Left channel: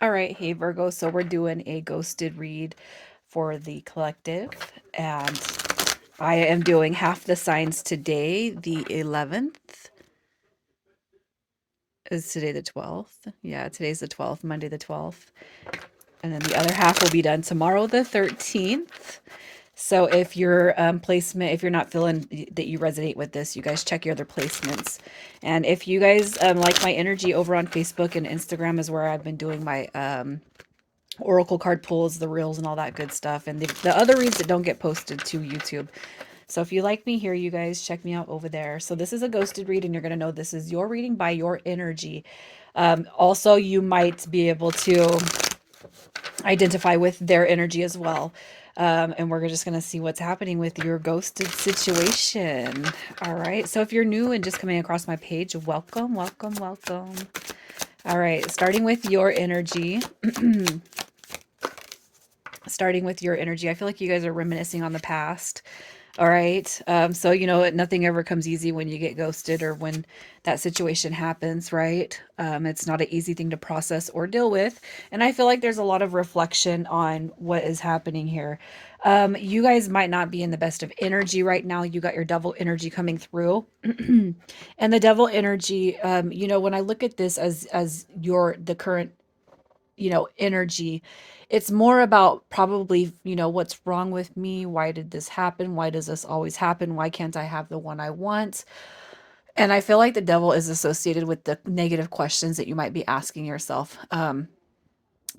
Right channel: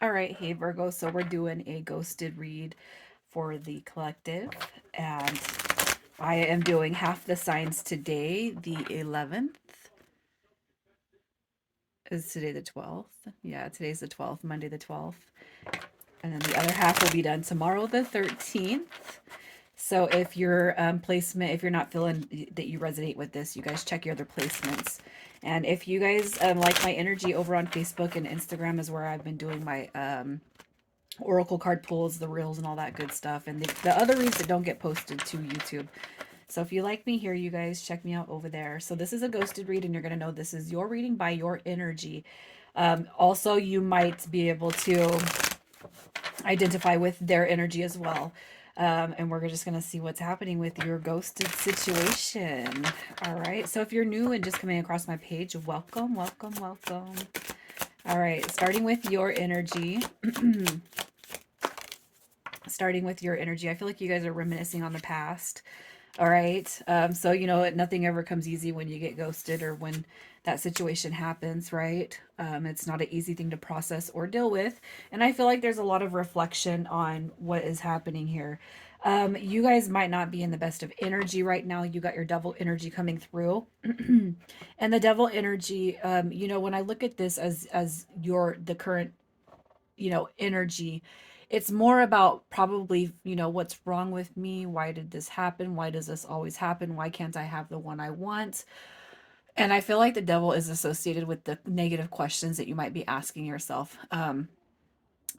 All right, hey Virgo. So we're doing a ghosted read for the collective, and I am doing half the signs today, the 11th. Is today the 12th? Yeah, today's the 12th, Monday the 12th. And then the other half will be done tomorrow, the 13th. So if your placement, if you're not feeling that you resonate with this, you guys check your other placements. And if you guys like my energy over on Facebook and Instagram is where I've been doing my oracle card pulls, the reels, and all that good stuff. And the other reads that don't get posted to YouTube. So if you like me here, you guys check me out over there. So this is a ghosted read, and you're going to know this is your reading by your energy. Also, you might be able to identify with their energy as well. And we're just going to see what's happening with your ghosted situation. All right. So if you're new and just coming across my page, welcome, welcome, welcome. All right. Starting with your energy. Starting with your energy. I feel like you guys are reminiscing on the past. All right. So, nothing ever comes easy when you get ghosted or when that situation happens, right? It's not an easy thing to process or deal with. And I feel like there's a lot of reflection on what is happening here. You guys might not be in the best of energy right now. You got your devil energy coming through. And the devil energy, when I look at this as the current energy. It's more about probably, what's wrong with me? Why did this happen? Why does this always happen? Why can't I have the one I want? And I feel like the devil is associated with the negative questions that you might be asking yourself.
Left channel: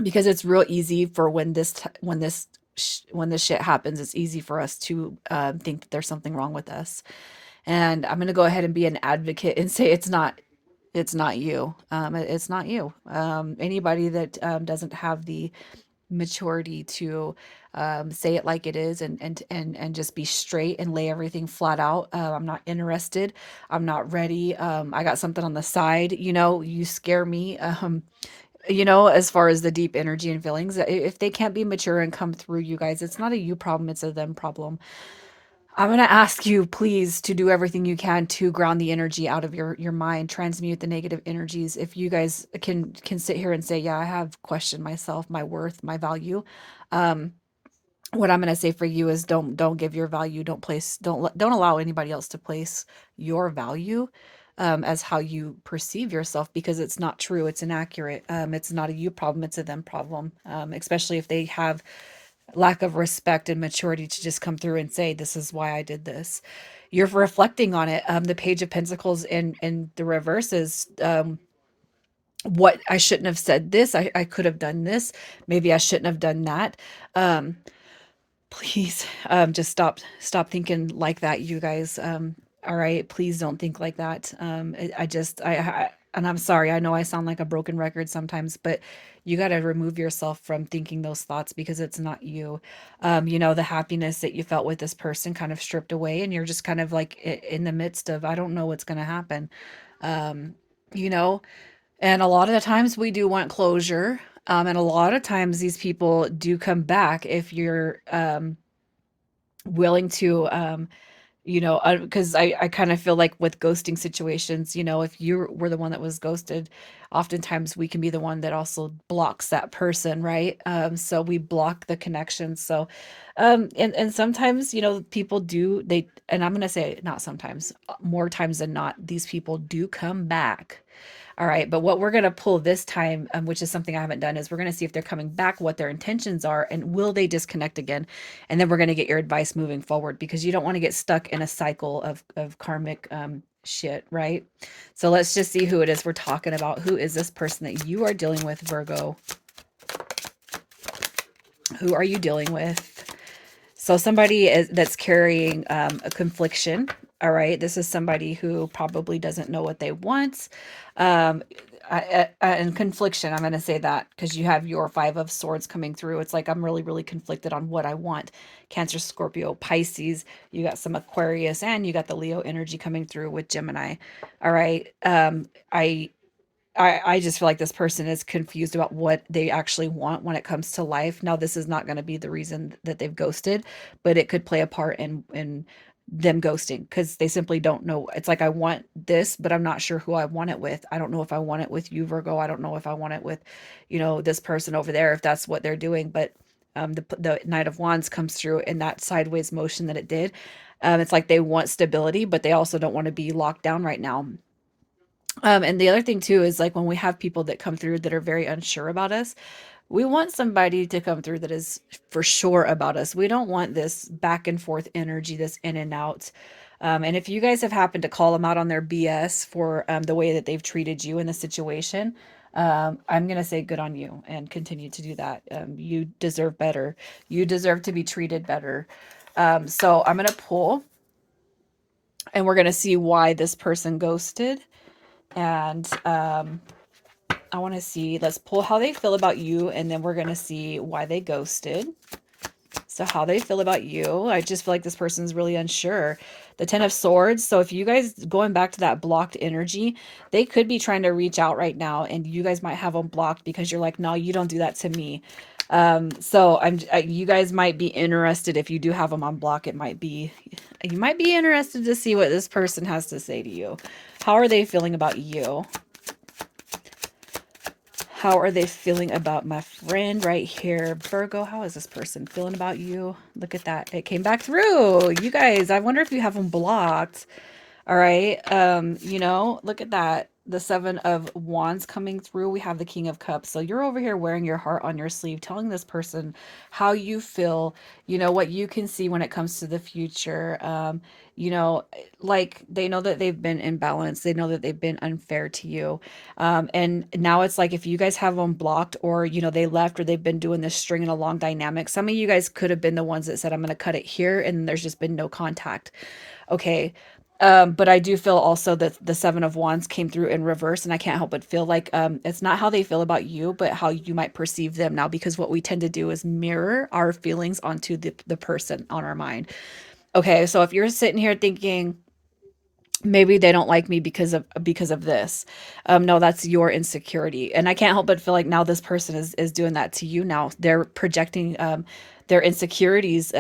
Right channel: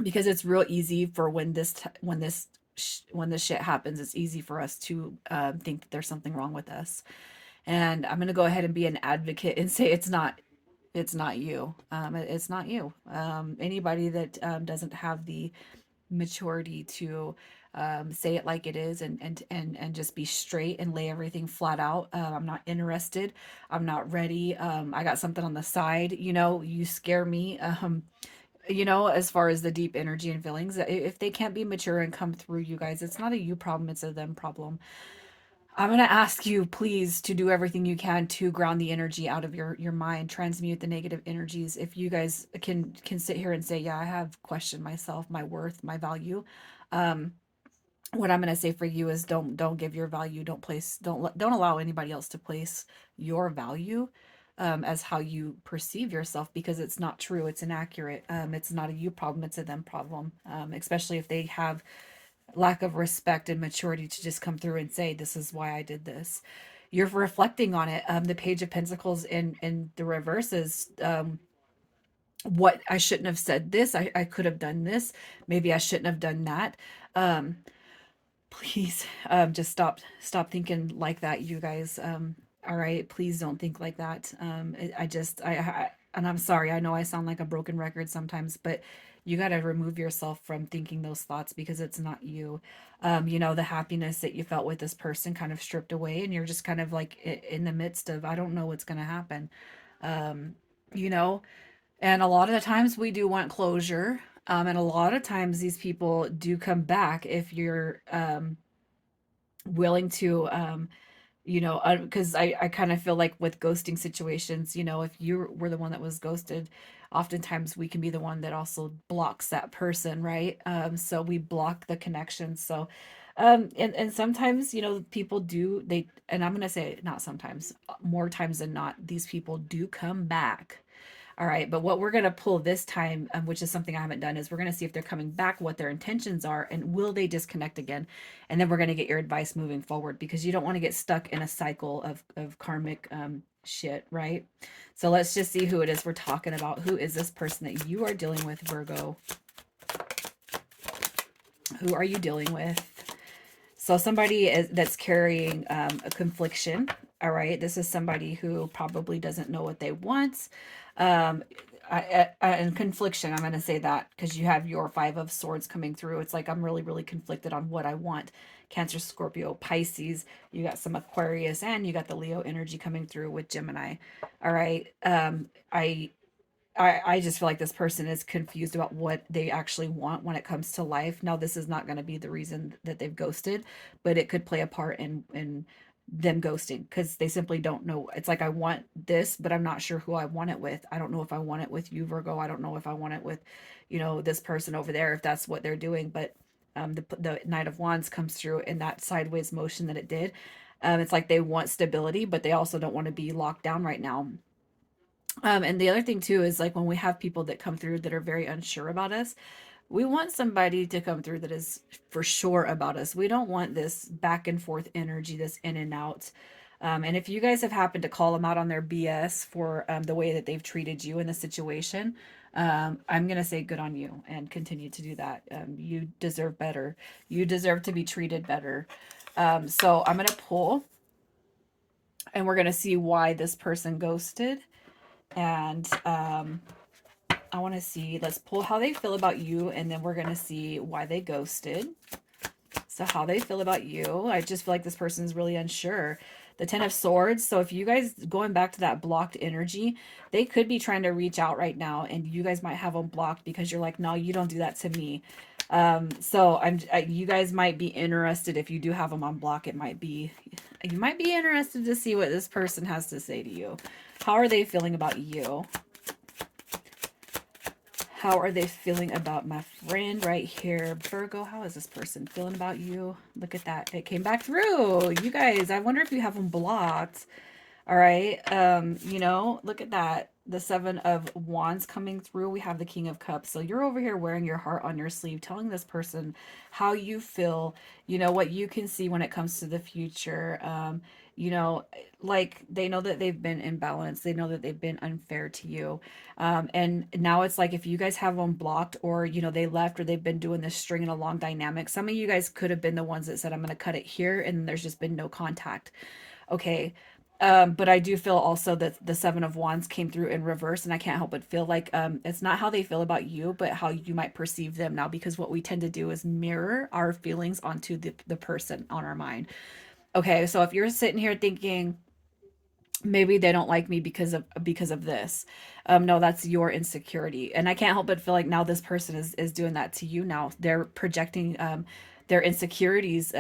Because it's real easy for when this shit happens, it's easy for us to think that there's something wrong with us. And I'm going to go ahead and be an advocate and say it's not you. It's not you. Anybody that doesn't have the maturity to say it like it is and just be straight and lay everything flat out. I'm not interested. I'm not ready. I got something on the side. You scare me. As far as the deep energy and feelings, if they can't be mature and come through, you guys, it's not a you problem, it's a them problem. I'm going to ask you, please, to do everything you can to ground the energy out of your mind, transmute the negative energies. If you guys can sit here and say, yeah, I have questioned myself, my worth, my value. Um, what I'm going to say for you is don't give your value, don't allow anybody else to place your value as how you perceive yourself, because it's not true, it's inaccurate. It's not a you problem, it's a them problem. Especially if they have lack of respect and maturity to just come through and say, this is why I did this. You're reflecting on it. The Page of Pentacles in the reverse is what I shouldn't have said this. I could have done this. Maybe I shouldn't have done that. Um, Please just stop thinking like that, you guys. All right, please don't think like that. And I'm sorry, I know I sound like a broken record sometimes, but you got to remove yourself from thinking those thoughts, because it's not you. The happiness that you felt with this person kind of stripped away, and you're just kind of like in the midst of, I don't know what's going to happen. um you know and a lot of the times we do want closure. And a lot of times these people do come back if you're willing to, because I kind of feel like with ghosting situations, if you were the one that was ghosted, oftentimes we can be the one that also blocks that person, right? So we block the connection. So, and sometimes, people do, and I'm going to say not sometimes, more times than not, these people do come back. All right, but what we're going to pull this time, which is something I haven't done, is we're going to see if they're coming back, what their intentions are, and will they disconnect again? And then we're going to get your advice moving forward, because you don't want to get stuck in a cycle of karmic shit, right? So let's just see who it is we're talking about. Who is this person that you are dealing with, Virgo? Who are you dealing with? So somebody that's carrying a confliction. All right, this is somebody who probably doesn't know what they want. Um, and confliction, I'm going to say that because you have your Five of Swords coming through. It's like I'm really, really conflicted on what I want. Cancer, Scorpio, Pisces. You got some Aquarius, and you got the Leo energy coming through with Gemini. All right. I just feel like this person is confused about what they actually want when it comes to life. Now, this is not going to be the reason that they've ghosted, but it could play a part in them ghosting because they simply don't know. It's like, I want this, but I'm not sure who I want it with. I don't know if I want it with you, Virgo. I don't know if I want it with, this person over there, if that's what they're doing. But the Knight of Wands comes through in that sideways motion that it did. It's like they want stability, but they also don't want to be locked down right now. And the other thing too is like when we have people that come through that are very unsure about us, we want somebody to come through that is for sure about us. We don't want this back and forth energy, this in and out. And if you guys have happened to call them out on their BS for the way that they've treated you in the situation, I'm going to say good on you and continue to do that. You deserve better. You deserve to be treated better. So I'm going to pull and we're going to see why this person ghosted. And I want to see, let's pull how they feel about you, and then we're going to see why they ghosted. So how they feel about you. I just feel like this person's really unsure. The 10 of Swords. So if you guys, going back to that blocked energy, they could be trying to reach out right now, and you guys might have them blocked because you're like, no, you don't do that to me. So you guys might be interested if you do have them on block. You might be interested to see what this person has to say to you. How are they feeling about you? How are they feeling about my friend right here? Virgo, how is this person feeling about you? Look at that. It came back through. You guys, I wonder if you have them blocked. All right. Look at that. The 7 of Wands coming through. We have the King of Cups. So you're over here wearing your heart on your sleeve, telling this person how you feel, what you can see when it comes to the future. You know, like they know that they've been imbalanced. They know that they've been unfair to you. And now it's like if you guys have them blocked or, they left or they've been doing this stringing along dynamic, some of you guys could have been the ones that said, I'm going to cut it here. And there's just been no contact. Okay. But I do feel also that the 7 of Wands came through in reverse, and I can't help but feel like it's not how they feel about you, but how you might perceive them now, because what we tend to do is mirror our feelings onto the person on our mind. Okay, so if you're sitting here thinking, maybe they don't like me because of this, no, that's your insecurity, and I can't help but feel like now this person is doing that to you. Now they're projecting their insecurities,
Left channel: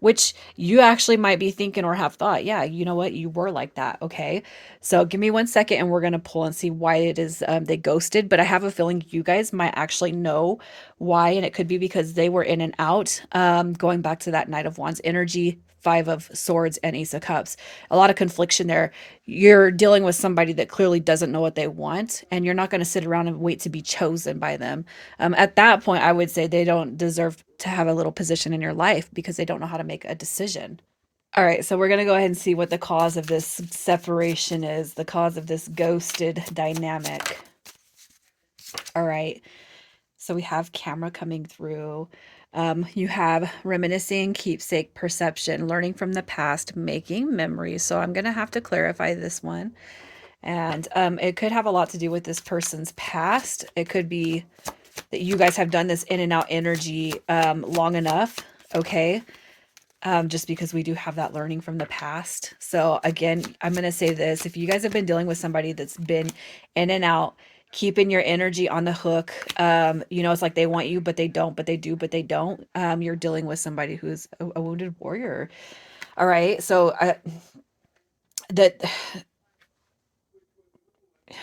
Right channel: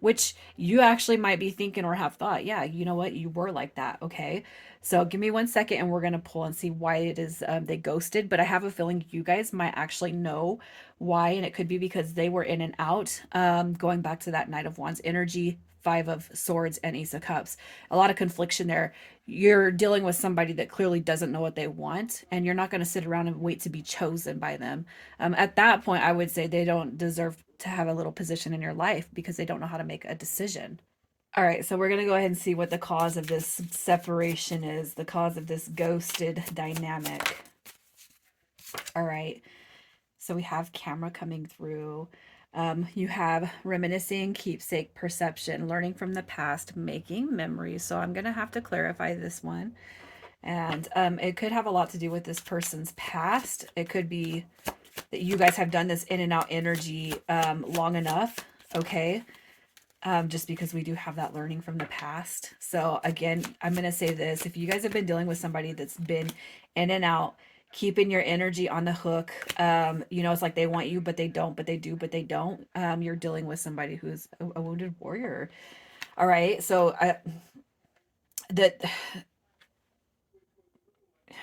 which you actually might be thinking or have thought, yeah, you know what, you were like that. Okay, so give me 1 second and we're going to pull and see why it is they ghosted. But I have a feeling you guys might actually know why, and it could be because they were in and out, going back to that Knight of Wands energy, 5 of Swords, and Ace of Cups. A lot of confliction there. You're dealing with somebody that clearly doesn't know what they want, and you're not going to sit around and wait to be chosen by them. At that point, I would say they don't deserve to have a little position in your life because they don't know how to make a decision. All right, so we're going to go ahead and see what the cause of this separation is, the cause of this ghosted dynamic. All right, so we have camera coming through. You have reminiscing, keepsake, perception, learning from the past, making memories. So I'm going to have to clarify this one. And it could have a lot to do with this person's past. It could be that you guys have done this in and out energy long enough. Okay. Just because we do have that learning from the past. So again, I'm going to say this. If you guys have been dealing with somebody that's been in and out, keeping your energy on the hook, it's like they want you, but they don't, but they do, but they don't. You're dealing with somebody who's a wounded warrior. All right. So that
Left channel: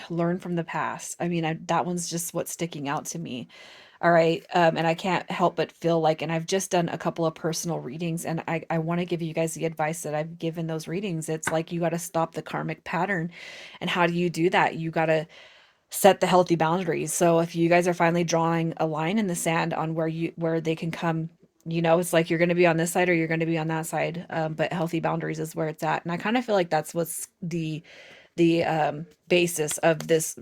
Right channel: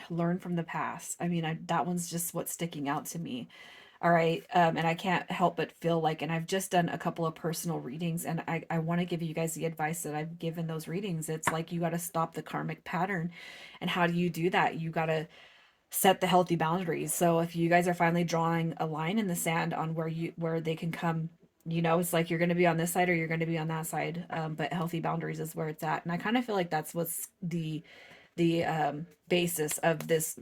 learn from the past. I mean, that one's just what's sticking out to me. All right. And I can't help but feel like, and I've just done a couple of personal readings, and I want to give you guys the advice that I've given those readings. It's like you got to stop the karmic pattern. And how do you do that? You got to set the healthy boundaries. So if you guys are finally drawing a line in the sand on where they can come, it's like you're going to be on this side or you're going to be on that side. But healthy boundaries is where it's at. And I kind of feel like that's what's the basis of this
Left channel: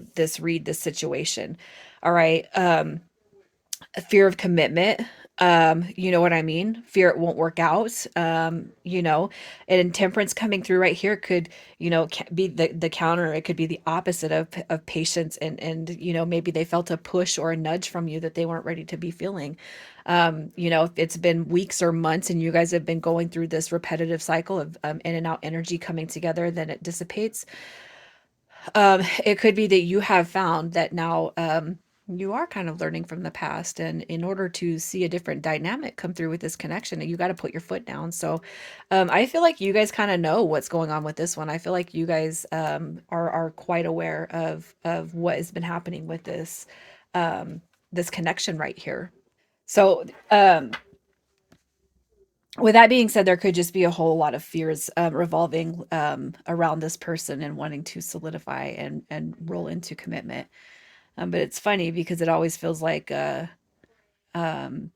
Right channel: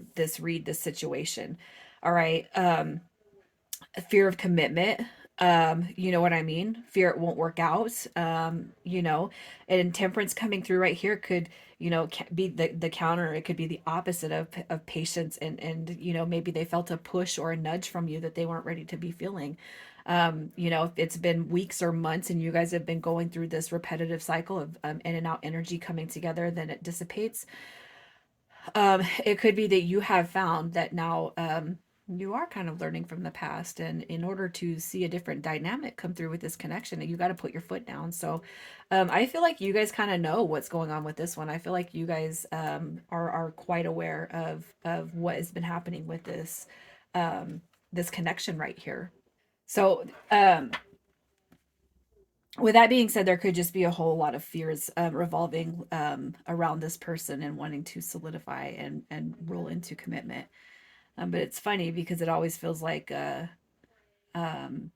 situation. All right. A fear of commitment. You know what I mean? Fear it won't work out. And temperance coming through right here could, be the counter. It could be the opposite of patience, and maybe they felt a push or a nudge from you that they weren't ready to be feeling. If it's been weeks or months and you guys have been going through this repetitive cycle of in and out energy coming together, then it dissipates. It could be that you have found that now, You are kind of learning from the past, and in order to see a different dynamic come through with this connection, you got to put your foot down. So I feel like you guys kind of know what's going on with this one. I feel like you guys are quite aware of what has been happening with this connection right here. So with that being said, there could just be a whole lot of fears revolving around this person and wanting to solidify and roll into commitment. But it's funny because it always feels like um,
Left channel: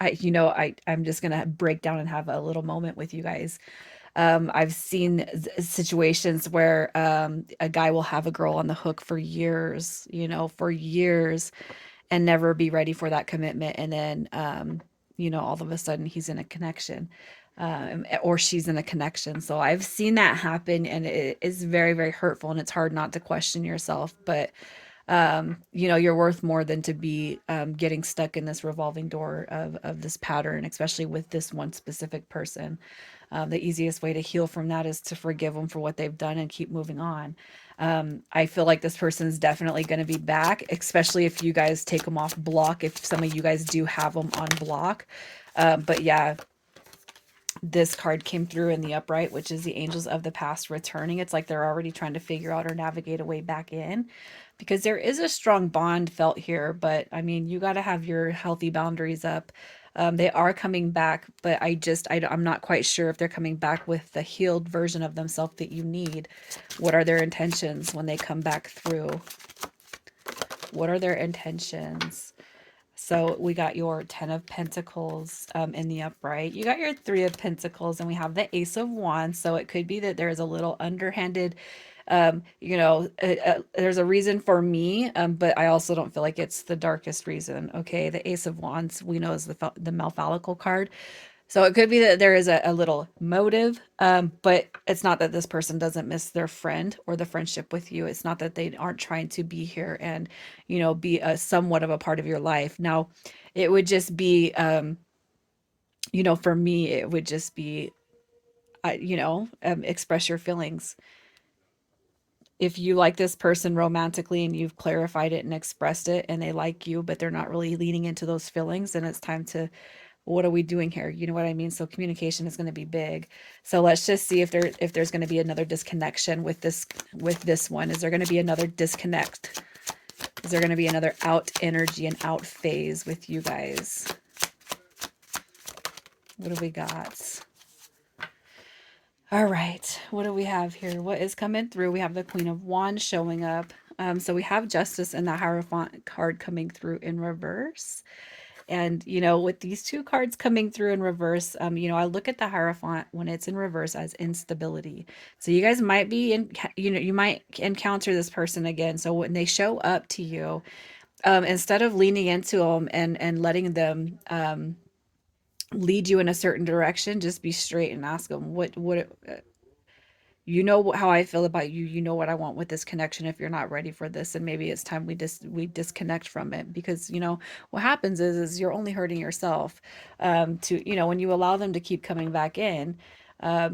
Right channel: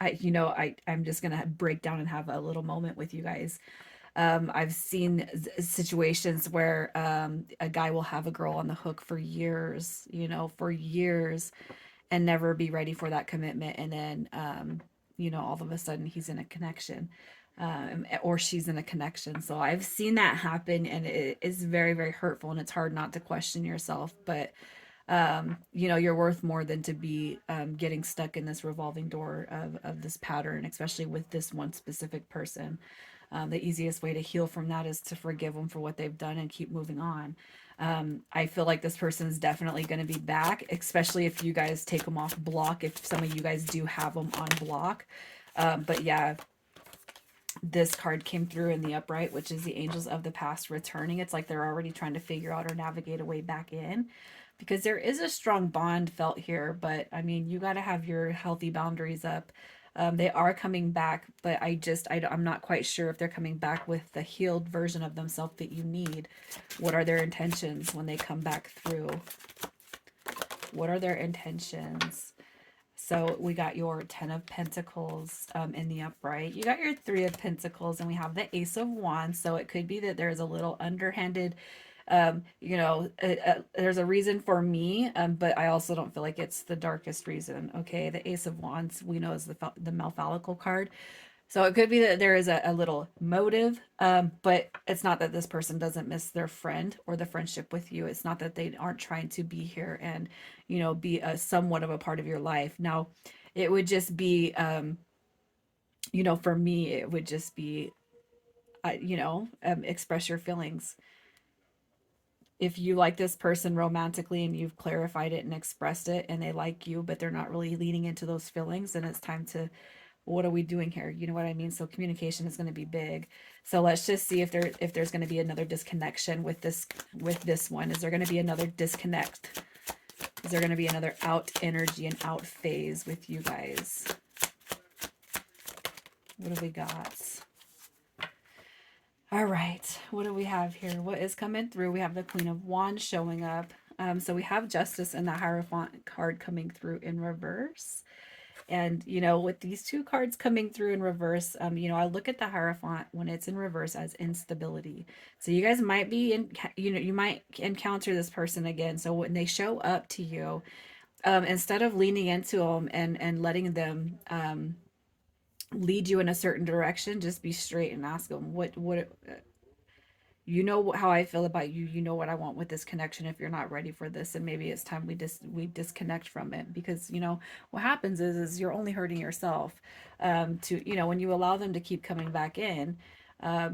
I'm just gonna break down and have a little moment with you guys. I've seen situations where a guy will have a girl on the hook for years, for years, and never be ready for that commitment, and then all of a sudden he's in a connection. Or she's in a connection. So I've seen that happen, and it is very, very hurtful, and it's hard not to question yourself. But you're worth more than to be getting stuck in this revolving door of this pattern, especially with this one specific person. The easiest way to heal from that is to forgive them for what they've done and keep moving on. I feel like this person is definitely going to be back, especially if you guys take them off block, if some of you guys do have them on block. But yeah, this card came through in the upright, which is the angels of the past returning. It's like they're already trying to figure out or navigate a way back in, because there is a strong bond felt here. But I mean, you got to have your healthy boundaries up. They are coming back, but I'm not quite sure if they're coming back with the healed version of themselves that you need. What are their intentions when they come back through? What are their intentions? So we got your 10 of Pentacles in the upright. You got your 3 of Pentacles, and we have the Ace of Wands. So it could be that there is a little underhanded, there's a reason for me, but I also don't feel like it's the darkest reason. Okay, the Ace of Wands we know is the Malfalical card. So it could be that there is a little motive, but it's not that this person doesn't miss their friend or the friendship with you. It's not that they aren't trying to be here and, be a somewhat of a part of your life. Now, it would just be, for me, it would just be, express your feelings. If you like this person romantically and you've clarified it and expressed it, and they like you, but they're not really leaning into those feelings, then it's time to, what are we doing here? You know what I mean? So communication is going to be big. So let's just see if there's going to be another disconnection with this one. Is there going to be another disconnect? Is there going to be another out energy and out phase with you guys? What do we got? All right. What do we have here? What is coming through? We have the Queen of Wands showing up. So we have Justice and the Hierophant card coming through in reverse. And, with these two cards coming through in reverse, I look at the Hierophant when it's in reverse as instability. So you guys might be you might encounter this person again. So when they show up to you, instead of leaning into them and letting them lead you in a certain direction, just be straight and ask them what how I feel about you. You know what I want with this connection. If you're not ready for this, and maybe it's time we disconnect from it, because what happens is you're only hurting yourself. To when you allow them to keep coming back in,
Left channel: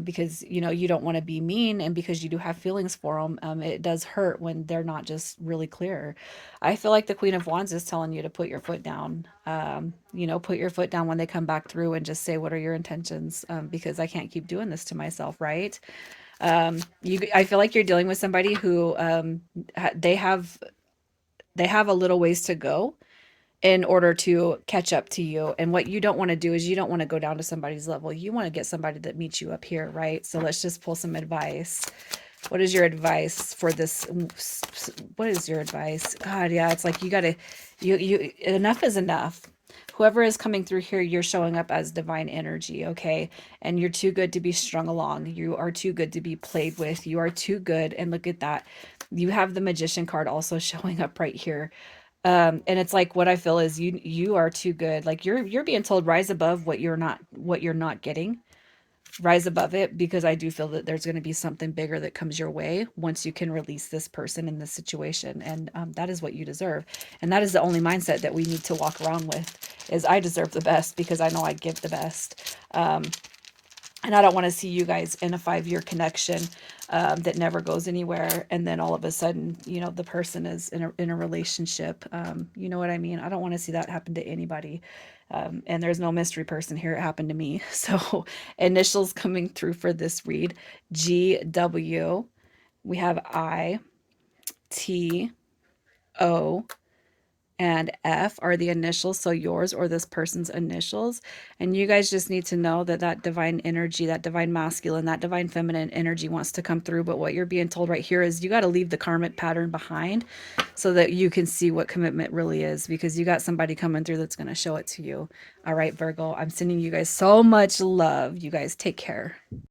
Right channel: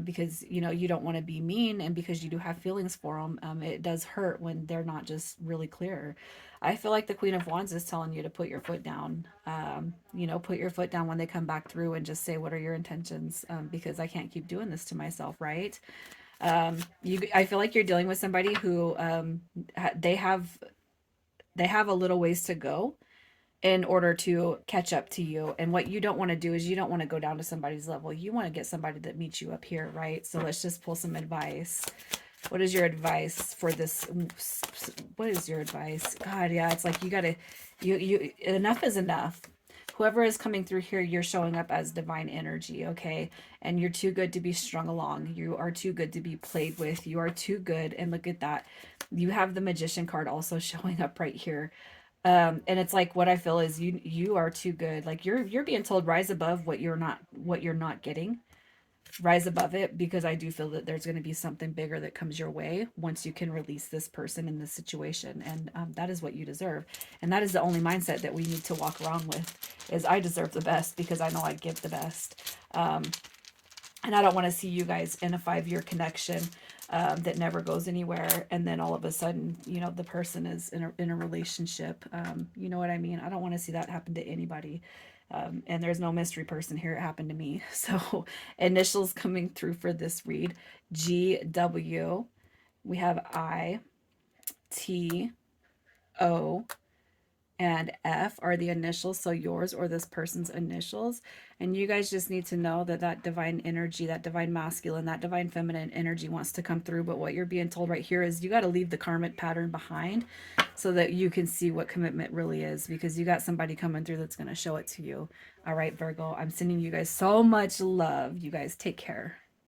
because you don't want to be mean, and because you do have feelings for them. It does hurt when they're not just really clear. I feel like the Queen of Wands is telling you to put your foot down. Put your foot down when they come back through, and just say, what are your intentions? Because I can't keep doing this to myself, right? I feel like you're dealing with somebody who they have a little ways to go in order to catch up to you. And what you don't want to do is you don't want to go down to somebody's level. You want to get somebody that meets you up here, right? So let's just pull some advice. What is your advice for this? What is your advice? God, yeah, it's like you enough is enough. Whoever is coming through here, you're showing up as divine energy, okay? And you're too good to be strung along. You are too good to be played with. You are too good. And look at that. You have the Magician card also showing up right here. And it's like, what I feel is you are too good. Like you're being told, rise above what you're not getting. Rise above it, because I do feel that there's going to be something bigger that comes your way once you can release this person in this situation. And that is what you deserve. And that is the only mindset that we need to walk around with, is I deserve the best because I know I give the best. And I don't want to see you guys in a 5-year connection that never goes anywhere, and then all of a sudden, the person is in a relationship. You know what I mean? I don't want to see that happen to anybody. And there's no mystery person here. It happened to me. So initials coming through for this read: GW. We have ITO, and F are the initials, so yours or this person's initials. And you guys just need to know that that divine energy, that divine masculine, that divine feminine energy wants to come through. But what you're being told right here is you got to leave the karmic pattern behind so that you can see what commitment really is, because you got somebody coming through that's going to show it to you. All right, Virgo, I'm sending you guys so much love. You guys take care.